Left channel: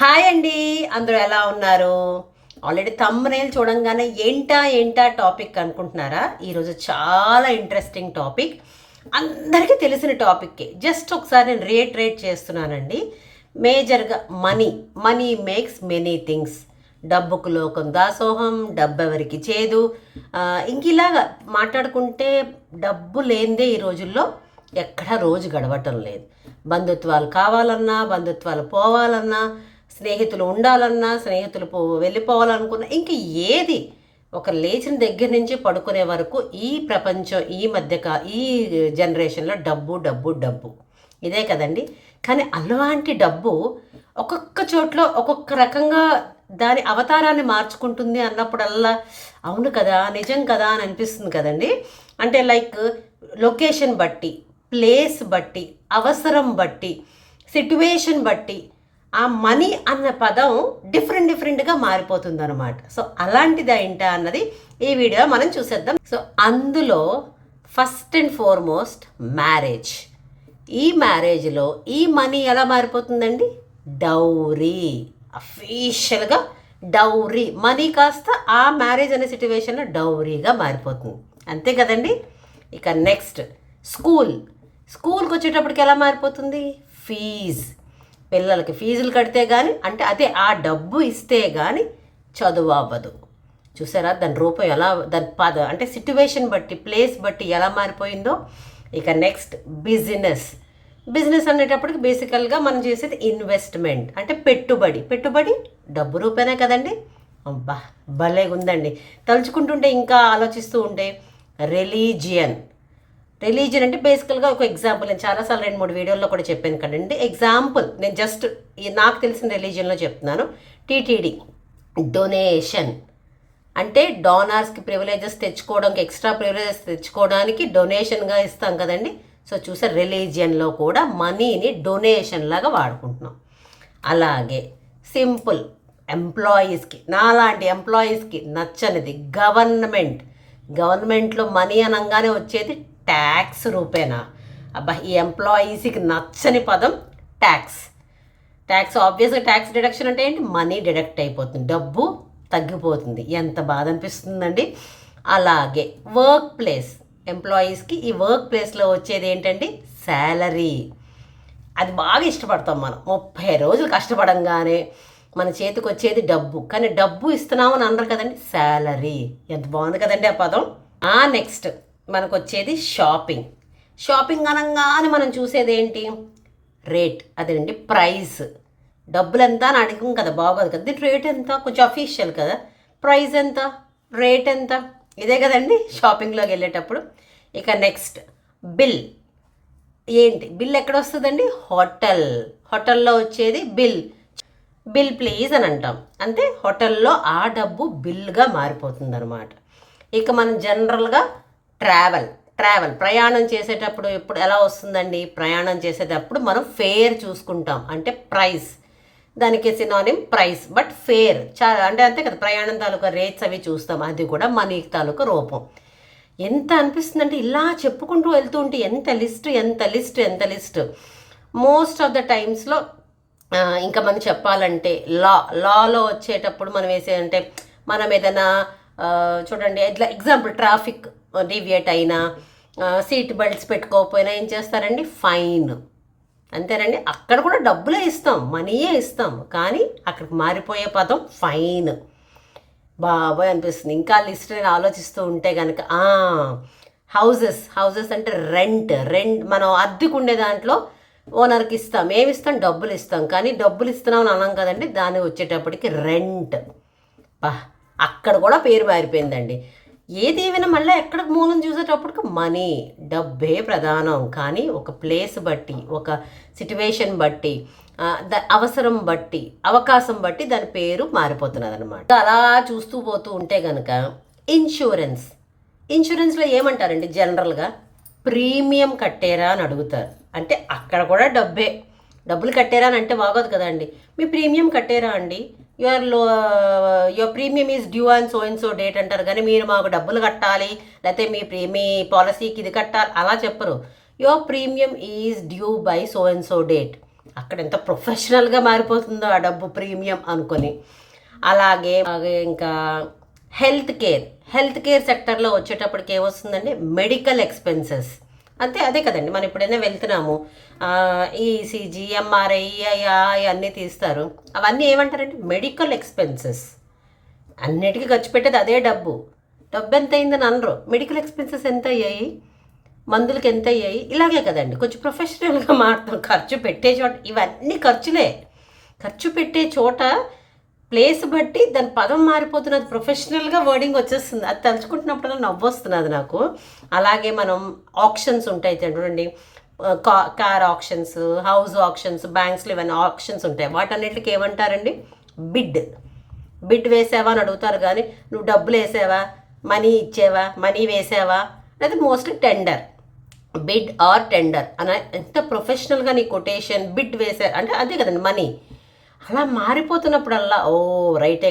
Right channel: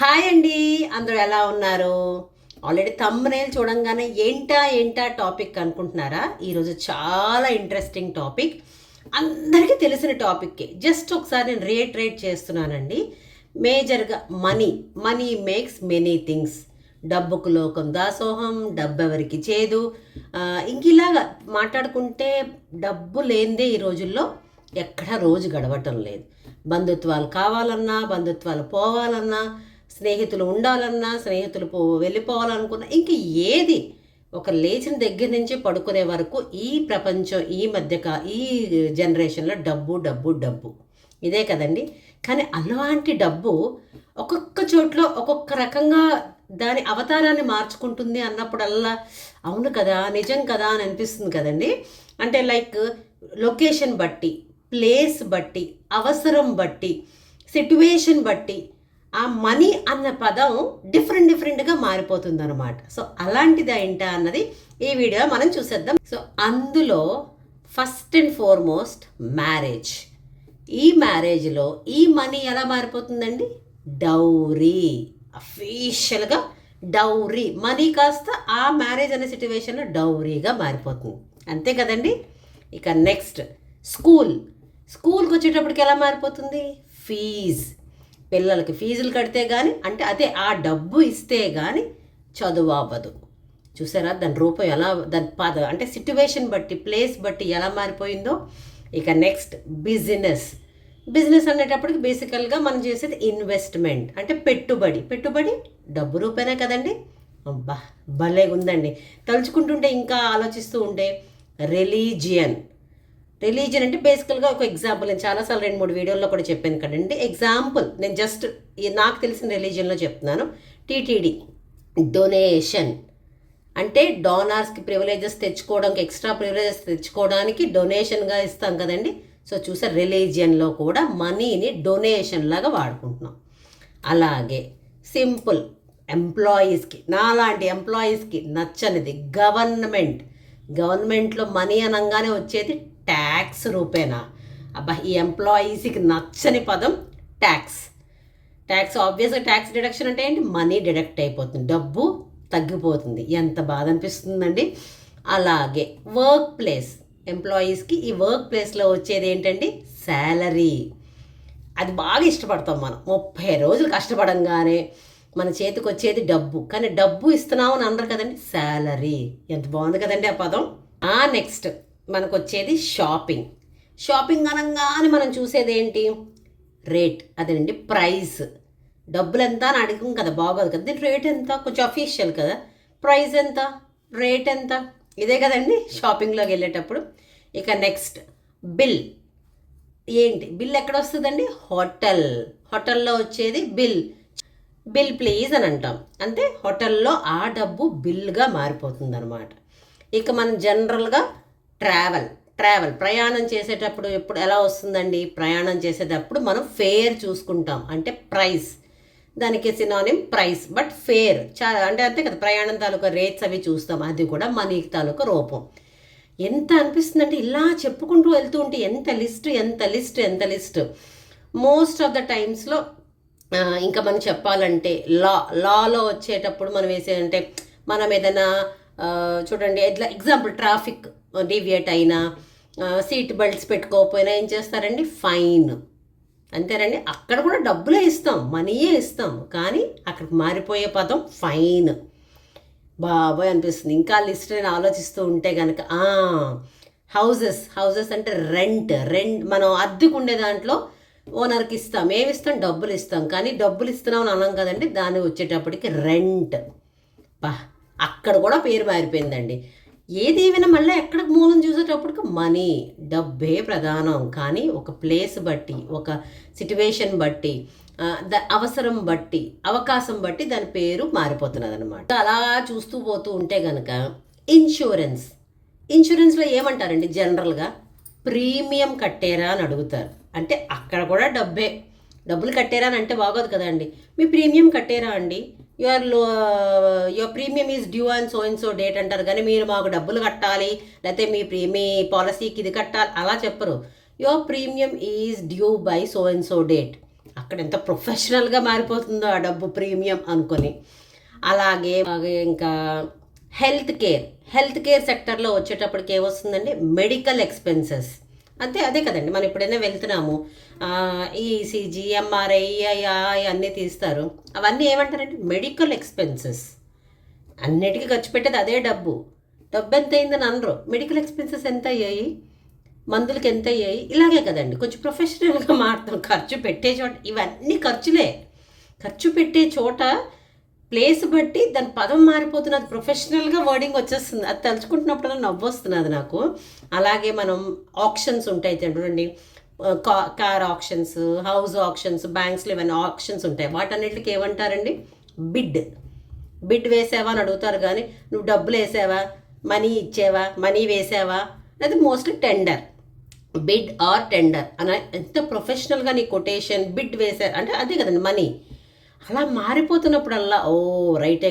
Hi అండి. అందరూ ఎలా ఉన్నారు? ఆల్రెడీ థంబ్‌నెయిల్ చూడంగానే ఏంటా టాపిక్ అనుకుంటున్నారా? ఈరోజు చాలా ఇంట్రెస్టింగ్ టాపిక్. అందరికీ తెలిసిన టాపిక్కే. జస్ట్ ఒకసారి నేను రియిటరేట్ చేస్తున్నానండి. మేజర్‌గా మనీ మేక్స్ మెనీ థింగ్స్. డబ్బుకు లోకం దాసోహం, డబ్బెవరికి చేదు. ఇంకిలాగా మాట్లాడుకుంటే డబ్బు లేనిదే ఈ రోజుల్లో ఎక్కడా రోజు గడవటం లేదు. బంధుత్వాలు కావాలన్నా, బంధుత్వాలు పోవాలన్నా, స్నేహితులు ఉండాలన్నా, స్నేహితులు వెళ్ళిపోవాలనుకున్నా, ఇంక ఏది ఒక లేచిన దగ్గర నుంచి పడుకునే వరకు ఈ ప్రపంచం ఈ జనరేషన్లో డబ్బు డబ్బు డబ్బు ఇదే కదండి. కానీ అలాంటి డబ్బు ఒక్కొక్క చోట్ల ఒక్కొక్క రకంగా దాని అవతారాన్ని మార్చుకుంటుంది అన్నప్పుడల్లా అవును కదా, నిజం కదా అని అనిపిస్తుంది కదండి. అంటే లైక్ లొకేషన్ బట్టి, ప్లేస్ బట్టి, అవసరం బట్టి, సిట్యువేషన్ బట్టి ఆ మనీ అన్న పదం డిఫరెంట్గా మారిపోతుంది అనమాట. సో అలాంటిది ఏంటా అన్నది ఈ వీడియో మనం చూసేద్దాం. సో అందులో ఫస్ట్ అండ్ ఫార్మోస్ట్ మ్యారేజ్. ఈ మ్యారేజ్లో ఈ మనీ ఎలా మారిపోతుందండి? డౌరీ. అఫీషియల్గా డౌరీ మనీ కాస్త ఆ మ్యారేజ్ అనే సిట్యువేషన్లో డౌరీగా మారిపోతుంది. అంతే కదండి. ఇక నెక్స్ట్ స్కూల్కి వచ్చేటప్పటికి ఎలా మారిపోతుంది? ఫీజ్. పిల్లలకి ఫీజులు కడితే కానీ, అంటే అదే ఆ డబ్బు ఇస్తే కానీ చదువు అవ్వదు. చూసారా దాని రూపం ఎలా, దాని అంటే సిట్యువేషన్ బట్టి, ప్లేస్ బట్టి ఎలా మారిపోయిందో. ఇక నెక్స్ట్ బిజినెస్ అనేటప్పటికి బేసికల్గా మనం చేసేది ఇన్వెస్ట్మెంట్, అంటే పెట్టుబడి డబ్బు రూపేనే కదండి. అబ్బా భలే ఉందండి. తలుచుకుంటుంటే ఇంకా ఆలోచిస్తూ ఉంటే రిలీజియన్ అంటే బేసికల్గా ఒక ఎగ్జాంపుల్, నేను చాలాసార్లు 2-3 వీడియోల్లో కూడా చెప్పాను కదండి. ఎగ్జాంపుల్ నేను జస్ట్ నాకు తెలిసిన రిలీజియన్లో చెప్తున్నాను. టీటీడీ డొనేషన్ అంటే డోనార్స్కి ప్రివిలేజెస్ తెచ్చుకోవడానికి, ఎక్స్ట్రా ప్రివిలేజెస్ తెచ్చుకోవడానికి డొనేషన్గా ఇస్తాం కదండి. సో చూసారు, రిలీజియన్లో కూడా మనీని డొనేషన్ లాగా వాడుకుంటున్నాం. అలాగే సింపుల్ ఎంప్లాయీస్కి, నాలాంటి ఎంప్లాయీస్కి నచ్చనిది గవర్నమెంట్లో మనీ అనగానే వచ్చేది ట్యాక్స్ రూపేనా. అబ్బా ఈ ఎంప్లాయీస్కి నచ్చని పదం ట్యాక్స్ ఆబ్వియస్గా ట్యాక్స్ డిడక్షన్ అంటే ఏంటి? మనీ డిడక్ట్ అయిపోతుంది, డబ్బు తగ్గిపోతుంది. ఎంత బాధ అనిపిస్తుందండి. అలాగే ఎంప్లాయీస్కి ఈ వర్క్ ప్లేస్లో వచ్చేది ఏంటండి? శాలరీ. అది బాగా ఇష్టపడతాం మనం. 30 రోజులు కష్టపడంగానే మన చేతికి వచ్చేది డబ్బు. కానీ డబ్బు ఇస్తున్నామని అనరు కదండి, శాలరీ. ఎంత బాగుంది కదండి ఆ పదం. నెక్స్ట్ మనకు వచ్చేది షాపింగ్ అనగానే మనం చూసేది ఏంటి? రేట్. అదేనండి ప్రైస్. డబ్బులు ఎంత అని అడిగం కదా, బాగోదు కదా. దీని రేట్ ఎంత? కొంచెం అఫీషియల్ కదా. ప్రైస్ ఎంత, రేట్ ఎంత, ఇదే కదండి షాపింగ్లోకి వెళ్ళేటప్పుడు. ఇక నెక్స్ట్ బిల్. బిల్ ఎక్కడ వస్తుందండి? హోటల్లో వచ్చేది బిల్ ప్లీజ్ అని అంటాం. అంటే హోటల్లో ఆ డబ్బు బిల్గా మారిపోతుంది అనమాట. ఇక మనం జనరల్గా ట్రావెల్ ప్రయాణం చేసేటప్పుడు ఎప్పుడు ఎలా వస్తుందండి? ప్రయాణం చేసేటప్పుడు మనం ఫేర్ చూసుకుంటాం, అంటే ప్రైస్. దానికి సినానిమ్ ప్రైస్, బట్ ఫేర్ అంటే అంతే కదా. ప్రయాణం తాలూకా రేట్స్ అవి చూస్తాం, అది కూడా మనీ తాలూకా రూపం. ఎంత అనిపిస్తుందంటే ఇలా చెప్పుకుంటూ వెళ్తూ ఉంటే ఎంత లిస్ట్. మోస్ట్ ఆఫ్ ద టైమ్స్లో ఇంకా మనం చెప్పాలంటే లాలో వచ్చేటప్పుడు మనం వేసేదంటే, మనం ఏదైనా చూడండి ఎగ్జాంపుల్ ట్రాఫిక్ డీవియేట్ అయినా, సీట్ బెల్ట్స్ పెట్టుకోకపోయినా ఏం చేస్తారండి? ఫైన్. అంతేనండి. అక్కడ కూడా డబ్బులే ఇస్తాం, మనీయే ఇస్తాం, కానీ అక్కడికి మారిపోయే పదం ఫైన్. బాబాయ్ అనిపిస్తుంది. ఇంకా లిస్ట్ నేను ఆలోచిస్తూ ఉంటే కనుక హౌజెస్ అంటే రెంట్. మనం అద్దెకు ఉండే దాంట్లో ఓనర్కి ఇస్తాం, ఏమిస్తాం? డబ్బులు ఇస్తాం. కానీ డబ్బులు ఇస్తున్నాం అని అన్నాం కదండి, దాన్ని వచ్చేటప్పటికి రెంట్. అక్కడ కూడా పేరు మారిపోయిందండి. ఏది ఏమైనా మళ్ళీ ఎక్కడ మూలం చూసేటప్పటికి మనీ, డబ్బే ప్రధానం. కానీ ఒక ప్లేస్ బట్టి, ఒక సిట్యువేషన్ బట్టి, అవసరం బట్టి, అవకాశం బట్టి దాని పేరు మారిపోతున్నది అనమాట. అలా చూస్తూ పోతూ ఉంటే కనుక ఇన్సూరెన్స్లో ఏమంటారండి జనరల్గా? ప్రీమియం కట్టారా అని అడుగుతారు. అంటే అక్కడ కూడా డబ్బులు కట్టారా అని అంటే బాగోదు కదండి. మీ ప్రీమియం కట్టారా అండి? Your premium is due and so date అంటారు, కానీ మీరు మాకు డబ్బులు కట్టాలి, లేకపోతే మీ పాలసీకి ఇది కట్టాలి అలా చెప్పరు. Your premium is due by so date. అక్కడ ఎంత ప్రొఫెషనల్గా మారిపోతుందో ఆ డబ్బు ప్రీమియం అనుకొని. అలాగే ఇంకా హెల్త్ కేర్ సెక్టర్లో వచ్చేటప్పటికి ఏమొస్తుందండి, మెడికల్ ఎక్స్పెన్సెస్. అదే కదండి, మనం ఎప్పుడైనా వెళ్తున్నాము, ఈసీజీ, ఎంఆర్ఐ అన్నీ తీస్తారు. అవన్నీ ఏమంటారంటే మెడికల్ ఎక్స్పెన్సెస్. అన్నిటికీ ఖర్చు పెట్టేది అదే డబ్బు ఎంత అయిందని అనరు. మెడికల్ ఎక్స్పెన్సెస్ ఎంత అయ్యాయి, మందులకి ఎంత అయ్యాయి, ఇలాగే కదండి. కొంచెం ప్రొఫెషనల్గా మారుతాం. ఖర్చు పెట్టే చోట ఇవన్నీ ఖర్చులే. ఖర్చు పెట్టే చోట ప్లేస్ బట్టి దాని పదం మారిపోతున్నది, ప్రొఫెషనల్గా వర్డింగ్ వచ్చేస్తుంది. అది తలుచుకుంటున్నప్పుడు నవ్వు వస్తున్నది నాకు. అలాగే మనం ఆప్షన్స్ ఉంటాయి చూడండి, కార్ ఆప్షన్స్, హౌస్ ఆప్షన్స్, బ్యాంక్స్లో ఇవన్నీ ఆప్షన్స్ ఉంటాయి. వాటన్నిటికి ఏమంటారండి, బిడ్ వేసావా అని అడుగుతారు. కానీ నువ్వు డబ్బులు వేసావా, మనీ ఇచ్చావా, మనీ వేసావా, అది mostly tender, bid or tender అని. ఎంత ప్రొఫెషనల్గా నీ కొటేషన్ బిడ్ వేశారు అంటే అదే కదండి మనీ. అలా మారిపోతున్నప్పుడల్లా రైటే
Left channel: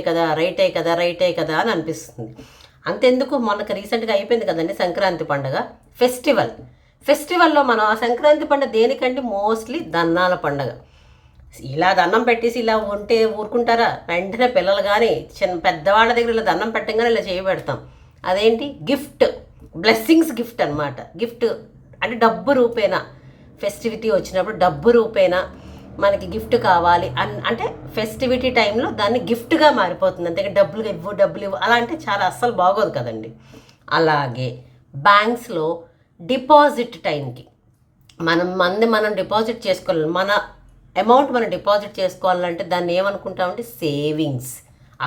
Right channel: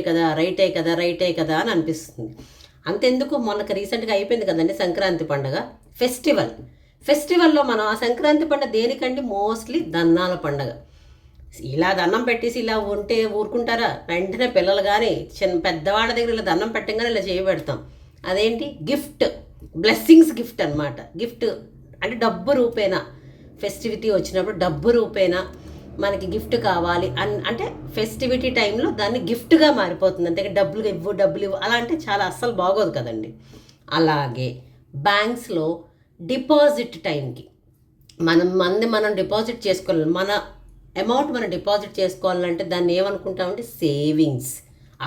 కదా అని అనిపిస్తుంది. అంతెందుకు, మనకు రీసెంట్గా అయిపోయింది కదండి సంక్రాంతి పండుగ, ఫెస్టివల్లో మనం ఆ సంక్రాంతి పండుగ దేనికంటే మోస్ట్లీ దన్నాల పండుగ. ఇలా దండం పెట్టేసి ఇలా ఉంటే ఊరుకుంటారా? వెంటనే పిల్లలు కానీ పెద్దవాళ్ళ దగ్గర ఇలా దండం పెట్టగానే ఇలా చేయబెడతాం. అదేంటి, గిఫ్ట్, బ్లెస్సింగ్స్ గిఫ్ట్ అనమాట. గిఫ్ట్ అంటే డబ్బు రూపేనా, ఫెస్టివిటీ వచ్చినప్పుడు డబ్బు రూపేనా మనకి గిఫ్ట్ కావాలి అంటే ఫెస్టివిటీ టైంలో దాన్ని గిఫ్ట్గా మారిపోతుంది. అంతే డబ్బులు ఇవ్వు అలా అంటే చాలా అస్సలు బాగోదు కదండి. అలాగే బ్యాంక్స్లో డిపాజిట్ టైంకి మనం డిపాజిట్ చేసుకోవాలి. మన అమౌంట్ మనం డిపాజిట్ చేసుకోవాలంటే దాన్ని ఏమనుకుంటామంటే సేవింగ్స్.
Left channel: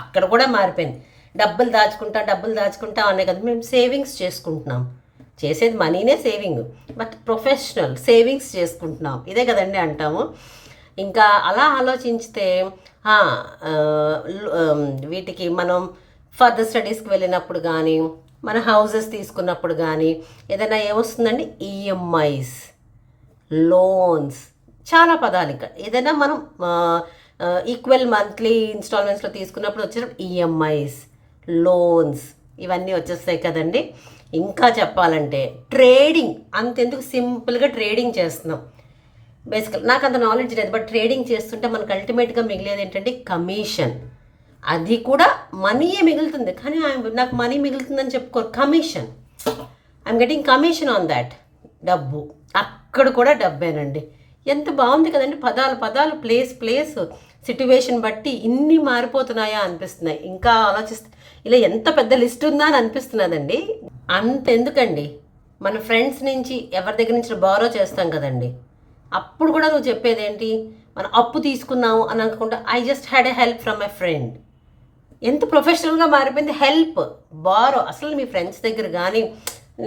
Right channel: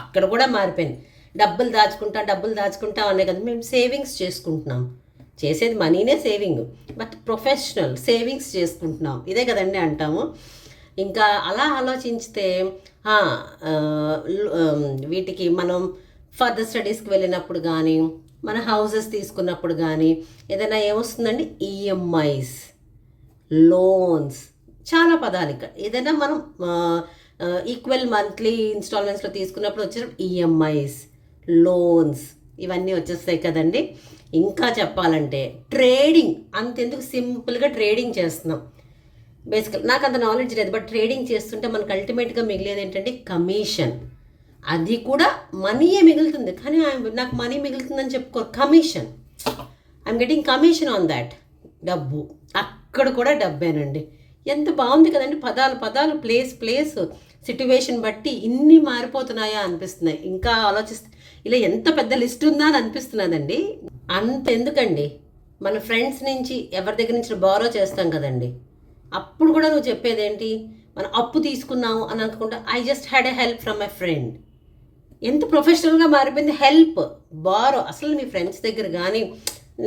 అక్కడ కూడా మారిపోయింది. డబ్బులు దాచుకుంటాం అనే కదా మేము సేవింగ్స్ చేసుకుంటున్నాం. చేసేది మనీనే సేవింగ్, బట్ ప్రొఫెషనల్ సేవింగ్స్ చేసుకుంటున్నాం, ఇదే కదండి అంటాము. ఇంకా అలా ఆలోచించితే వీటికి మనం ఫర్దర్ స్టడీస్కి వెళ్ళినప్పుడు కానీ, మన హౌసెస్ తీసుకున్నప్పుడు కానీ ఏదైనా ఏమొస్తుందండి, ఈఎంఐస్, లోన్స్, చాలా పదాలు. ఇక్కడ ఏదైనా మనం ఈక్వల్ మంత్లీ ఇన్స్టాల్మెంట్స్లో తీసుకున్నప్పుడు వచ్చేటప్పుడు ఈఎంఐస్, లోన్స్ ఇవన్నీ వచ్చేస్తాయి కదండి. ఇంకా చెప్పాలంటే ట్రేడింగ్, అంతెందుకు సింపుల్గా ట్రేడింగ్ చేస్తున్నాం. బేసికల్ నాకు అంత నాలెడ్జ్ లేదు, బట్ ట్రేడింగ్ చేస్తుంటే మనకు అల్టిమేట్గా మిగిలేది ఏంటంటే కమిషన్. అది కూడా మనీయే మిగులుతుంది, కానీ నాకు మనీ మిగులుతుందని చెప్పుకోరు, commission. I'm getting commission on that. డబ్బు అక్కడ కూడా డబ్బేనండి. ఎంత బాగుంది కదండి, పదాలు ప్లేస్ సిట్యువేషన్ బట్టి ఇన్ని మారిపోతున్నాయా అనిపిస్తున్నాయి. ఇంకా ఆలోచిస్తే ఇలా ఎంత పెద్ద లిస్ట్ ఉందా అని అనిపిస్తున్నదండి. అంతెందుకండి, మన ఫ్రెండ్స్ నుంచి ఎవరి దగ్గర నుంచి బారో చేస్తాం కదండి, అప్పుడు కూడా నువ్వు చెప్పేది ఏంటి, మనం అప్పు తీసుకున్నాము అని అనుకుంటా, I just had a help from my friend. ఎంత ప్రొఫెషనల్గా మారిపోయింది హెల్ప్, బారో. అసలు మీ ఫ్రెండ్స్ దగ్గర కానీ,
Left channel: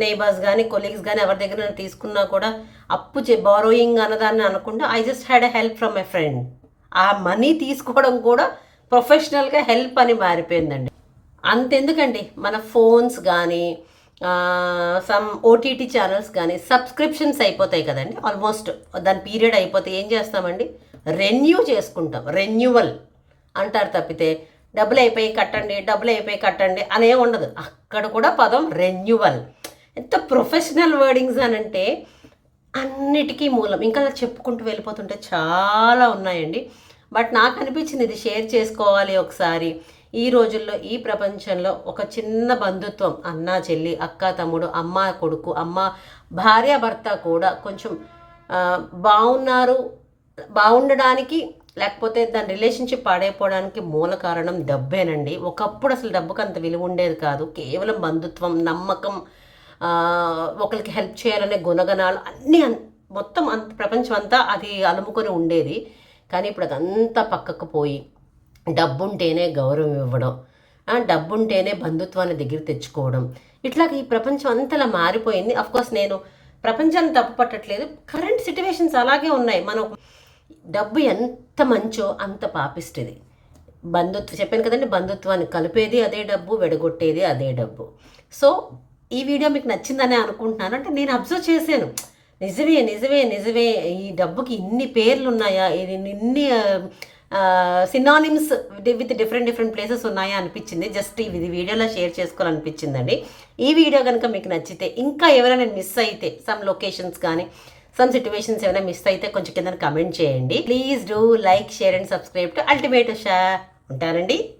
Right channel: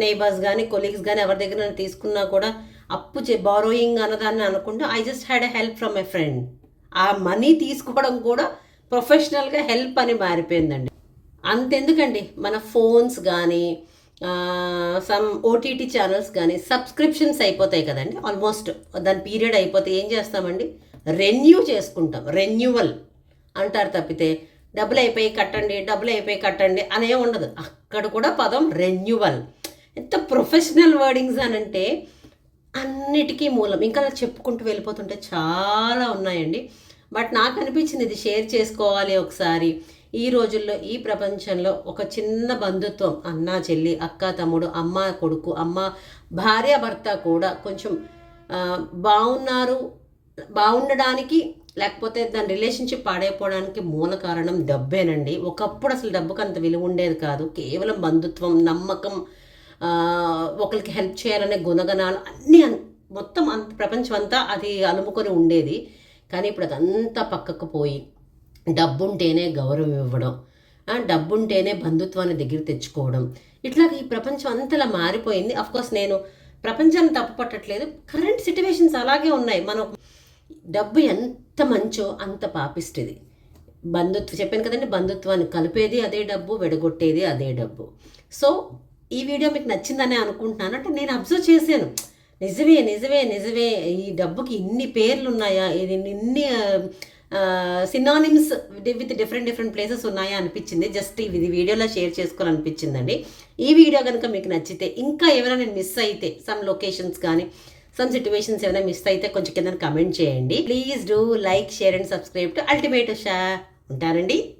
నేబర్స్ కానీ, కొలీగ్స్ కానీ ఎవరి దగ్గర తీసుకున్నా కూడా అప్పు బారోయింగ్ అన్నదాన్ని అనుకుంటా I just had a help from my friend. ఆ మనీ తీసుకోవడం కూడా ప్రొఫెషనల్గా హెల్ప్ అని మారిపోయిందండి. అంతెందుకండి, మన ఫోన్స్ కానీ సమ్ ఓటీటీ ఛానల్స్ కానీ సబ్స్క్రిప్షన్స్ అయిపోతాయి కదండి, ఆల్మోస్ట్ దాని పీరియడ్ అయిపోతే ఏం చేస్తామండి, రెన్యూ చేసుకుంటాం. రెన్యువల్ అంటారు తప్పితే డబ్బులు అయిపోయి కట్టండి అనే ఉండదు. అక్కడ కూడా పదం రెన్యువల్. ఎంత ప్రొఫెషనల్ వర్డింగ్స్ అనంటే అన్నిటికీ మూలం. ఇంకా అలా చెప్పుకుంటూ వెళ్ళిపోతుంటే చాలా ఉన్నాయండి. బట్ నాకు అనిపించింది ఇది షేర్ చేసుకోవాలి ఒకసారి. ఈ రోజుల్లో, ఈ ప్రపంచంలో ఒక చిన్న బంధుత్వం, అన్న చెల్లి, అక్క తమ్ముడు, అమ్మ కొడుకు, అమ్మ భార్య భర్త కూడా కొంచెం బాగుండడానికి లేకపోతే దాని రిలేషన్షిప్ పాడైపోవడానికి మూల కారణం డబ్బేనండి. ఒకప్పుడు అసలు డబ్బుకు అంత విలువ ఉండేది కాదు. కేవలం బంధుత్వం, నమ్మకం, ఒకరికి హెల్ప్ చేయాలనే గుణగణాలు అన్నీ మొత్తం ప్రపంచం అంతా అది అలుముకొని ఉండేది. కానీ ఇప్పుడు అదంతా పక్కకు పోయి డబ్బుంటేనే గౌరవం ఇవ్వడం, డబ్బుంటేనే బంధుత్వాన్ని దగ్గర తెచ్చుకోవడం, ఇట్లాగ ఈ ప్రపంచం అంతలా మారిపోయింది. అఫ్కోర్స్ నేను ప్రపంచాన్ని తప్పు పట్టట్లేదు, కరెంట్ సిట్యువేషన్స్ అలాగే ఉన్నాయి. మనం డబ్బు ఎంత మంచో అంత పాపిస్తుంది. చెప్పాను కదండి, బంధుత్వాన్ని కలిపేది అదే డబ్బు, విడగొట్టేది అదే డబ్బు. సో ఈ వీడియో మీకు నచ్చిందనే అనుకుంటున్నాను. అంటే నేను అబ్జర్వ్ చేశాను, నిజమే ఈ డబ్బుకి ఇన్ని పేర్లు ఉన్నాయా, ఇన్ని సినానిమ్స్ విత్ డిఫరెంట్ ప్లేసెస్ ఉన్నాయా అనిపించింది. జస్ట్ ఇది వీడియోలో షేర్ చేసుకోవాలనిపించిందండి. ఈ వీడియో కనుక మీకు నచ్చితే, ఇంకా ఎవరైనా మిస్ అయితే సమ్ లొకేషన్స్ కానీ సమ్ సిచ్యువేషన్స్ ఏమైనా మిస్ అయితే కొంచెం కింద కమెంట్ చేయండి. Please do like, share and subscribe to ultimate Usha. ఉంటానండి.